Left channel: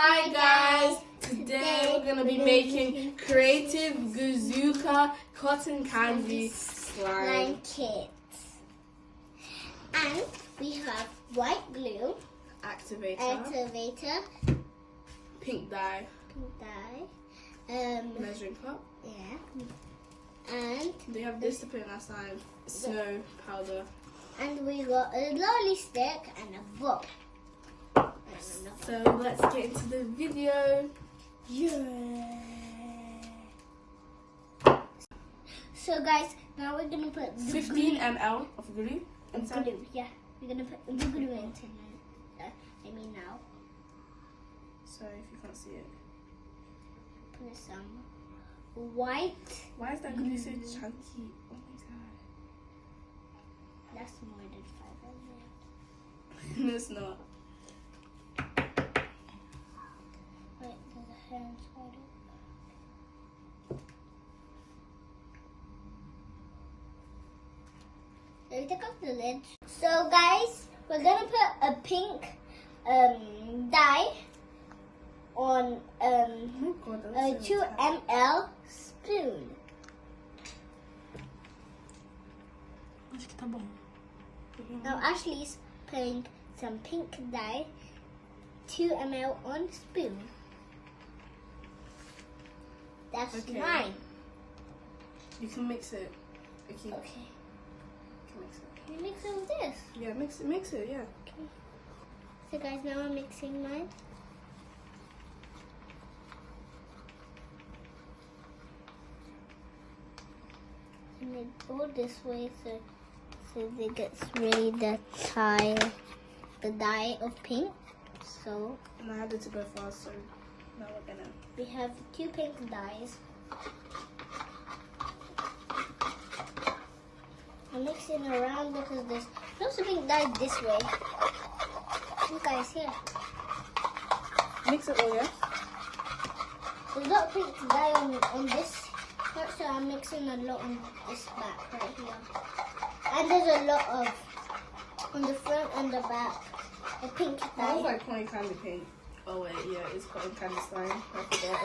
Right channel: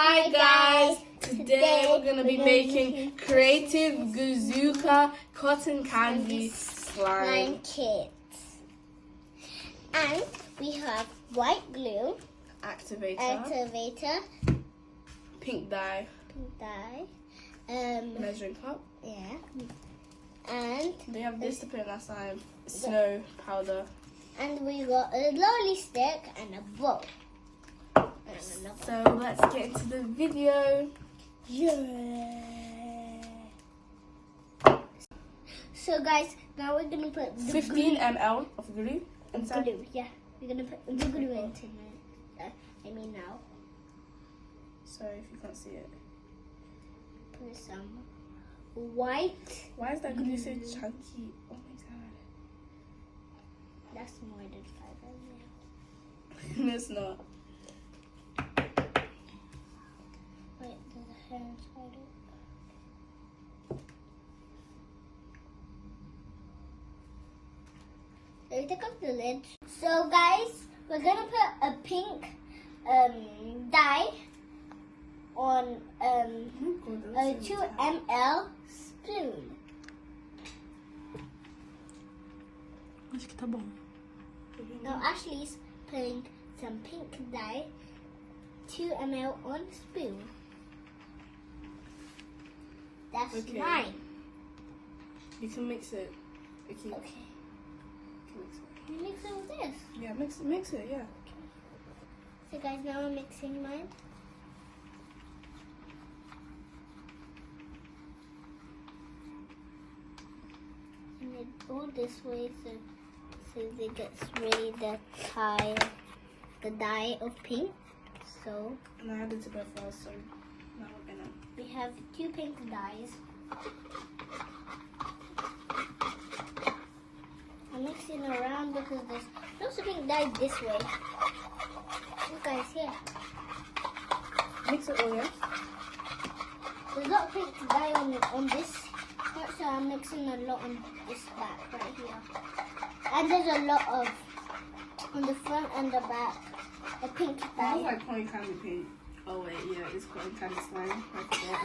Hi guys! Today we're going to be making Creative Guzooka Cotton Candy Slime kits. And we have white glue, activator, pink dye, measuring cup. Yeah. And they have this to put in our slime, snow powder. And we got a lolly stick and a bowl. So let's get into the video. Yeah. So guys, now we're gonna put the 15 ml of glue inside. Glue, yeah. We're gonna put the glue into now. Sorry if you can't see it. Put some white. Why is that glue so chunky? Oh my god. That's more than 5 ml. No, it's not. Wait, there's a hair inside it. Let me take off the lid. So guys, we're gonna put a pink dye on a 2 ml spoon. Now Ashley's putting some pink dye, 2 ml on spoon. That's okay. 9. You can mix it. Okay. You mix it with this. Yeah, mix it, yeah. Okay. So guys, now I'm mixing mine. And I go this way so it gets really the dye of pink. So and I had it to go fast, so now we have 2 pink dyes. I'm mixing around because there's also pink dye this way. Look guys, here. Mix it all, yeah? There's a lot of pink dye on this part, so I'm mixing a lot on this back right here. And there's a lot of on the front and the back. A pink dye. That was like cotton candy paint. Oh wait, yeah, it's cotton candy slime. I forgot.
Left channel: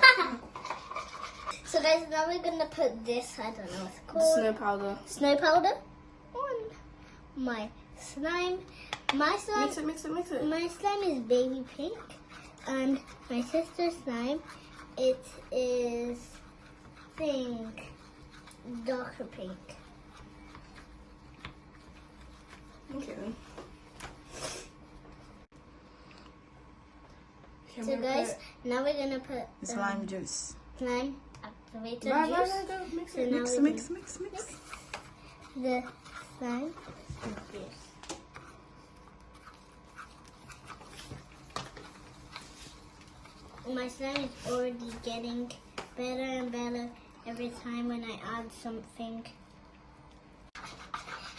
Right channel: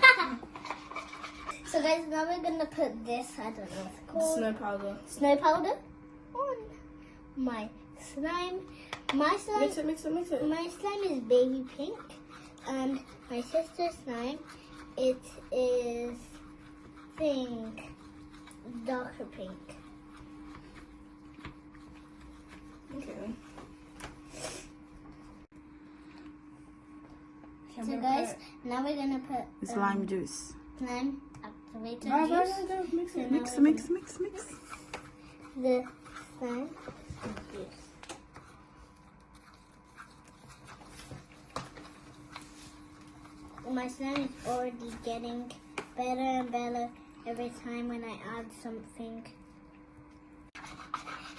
So guys, now we're gonna put this, I don't know what it's called. Snow powder. Snow powder on my slime. My slime. Mix it. My slime is baby pink, and my sister's slime, it is pink, darker pink. Okay. So guys, now we're gonna put slime juice. Slime activator juice. Mix So it. now Mix. the slime. My slime is already getting better and better every time when I add something.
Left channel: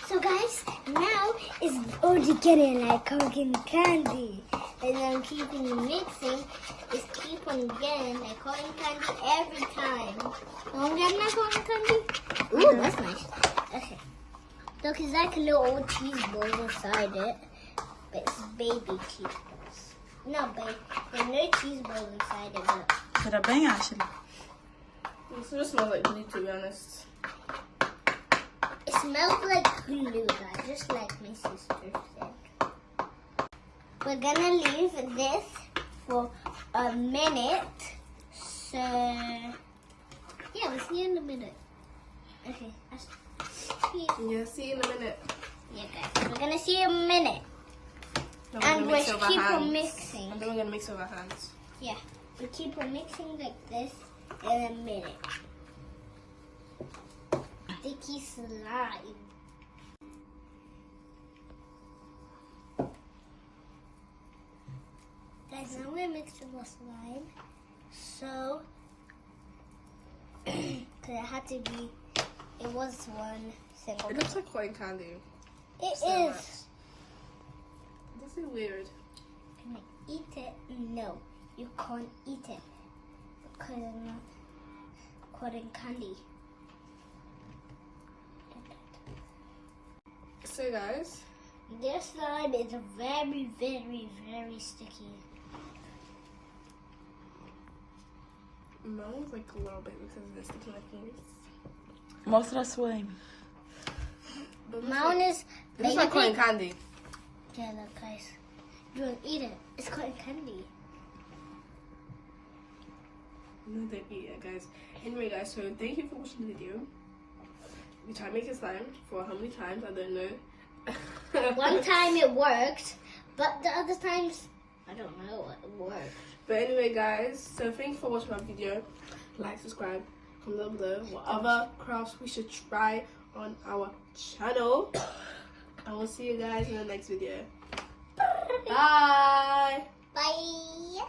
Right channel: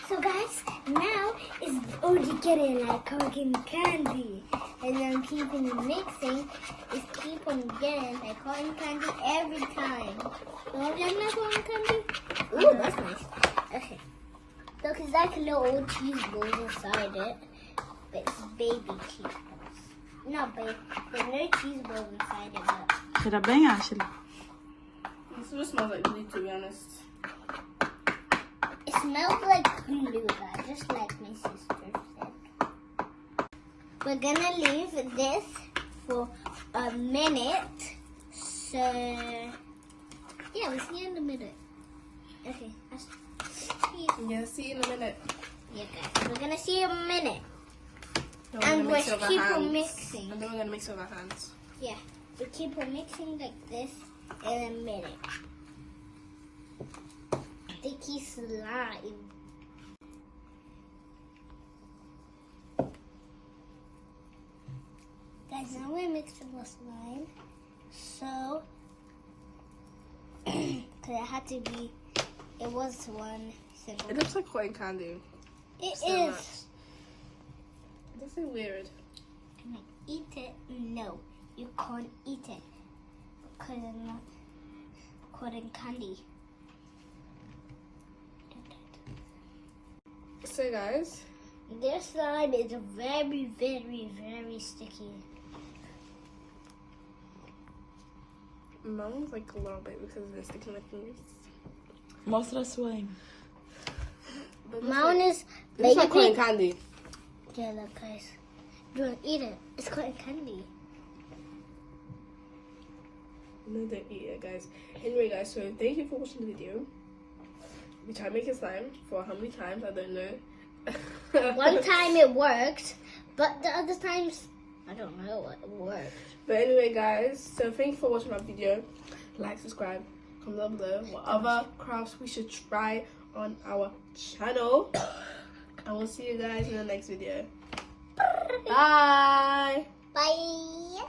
So guys, now it's already getting like cotton candy. And I'm keeping mixing, it's keep on getting like cotton candy every time. Want to get my cotton candy? Ooh, that's nice. Okay. Look, it's like little cheese balls inside it, but it's baby cheese balls. Not baby, there's no cheese balls inside it, but Será bem, Ashley? It still smells like glue, to be honest. it smells like glue, guys, just like my sister said. We're gonna leave this for a minute. So, yeah, we'll see you in a minute. Okay, Yeah, see you in a minute. yeah, guys, we're gonna see you in a minute. No, And we'll mix it with our keep on hands. mixing. And then we're gonna mix it with our hands. Yeah, we keep on mixing like this in a minute. Sticky slime. Guys, now we're mixing the slime. So, because it had to be, it was one single. It looks like cotton candy. It so is. much. This is weird. Can I eat it? No, you can't eat it. Because it's not cotton candy. So guys, This slime is very, very, very sticky. Mine's like a little bit because it's sticking my fingers. Most of the swing. Mine is It's like cotton baby. candy. Yeah, look, guys. You want to eat it? It's cotton candy. No, don't eat it, guys. Anyway, guys, so thank you for watching the video. We try to make it slime for how many times, I don't know. One time it worked, but the other times, I don't know what worked. But anyway, guys, so thank you for watching our video. Like, subscribe, comment down below what other crafts we should try on our channel. And we'll see you guys in the next video. Bye! Bye.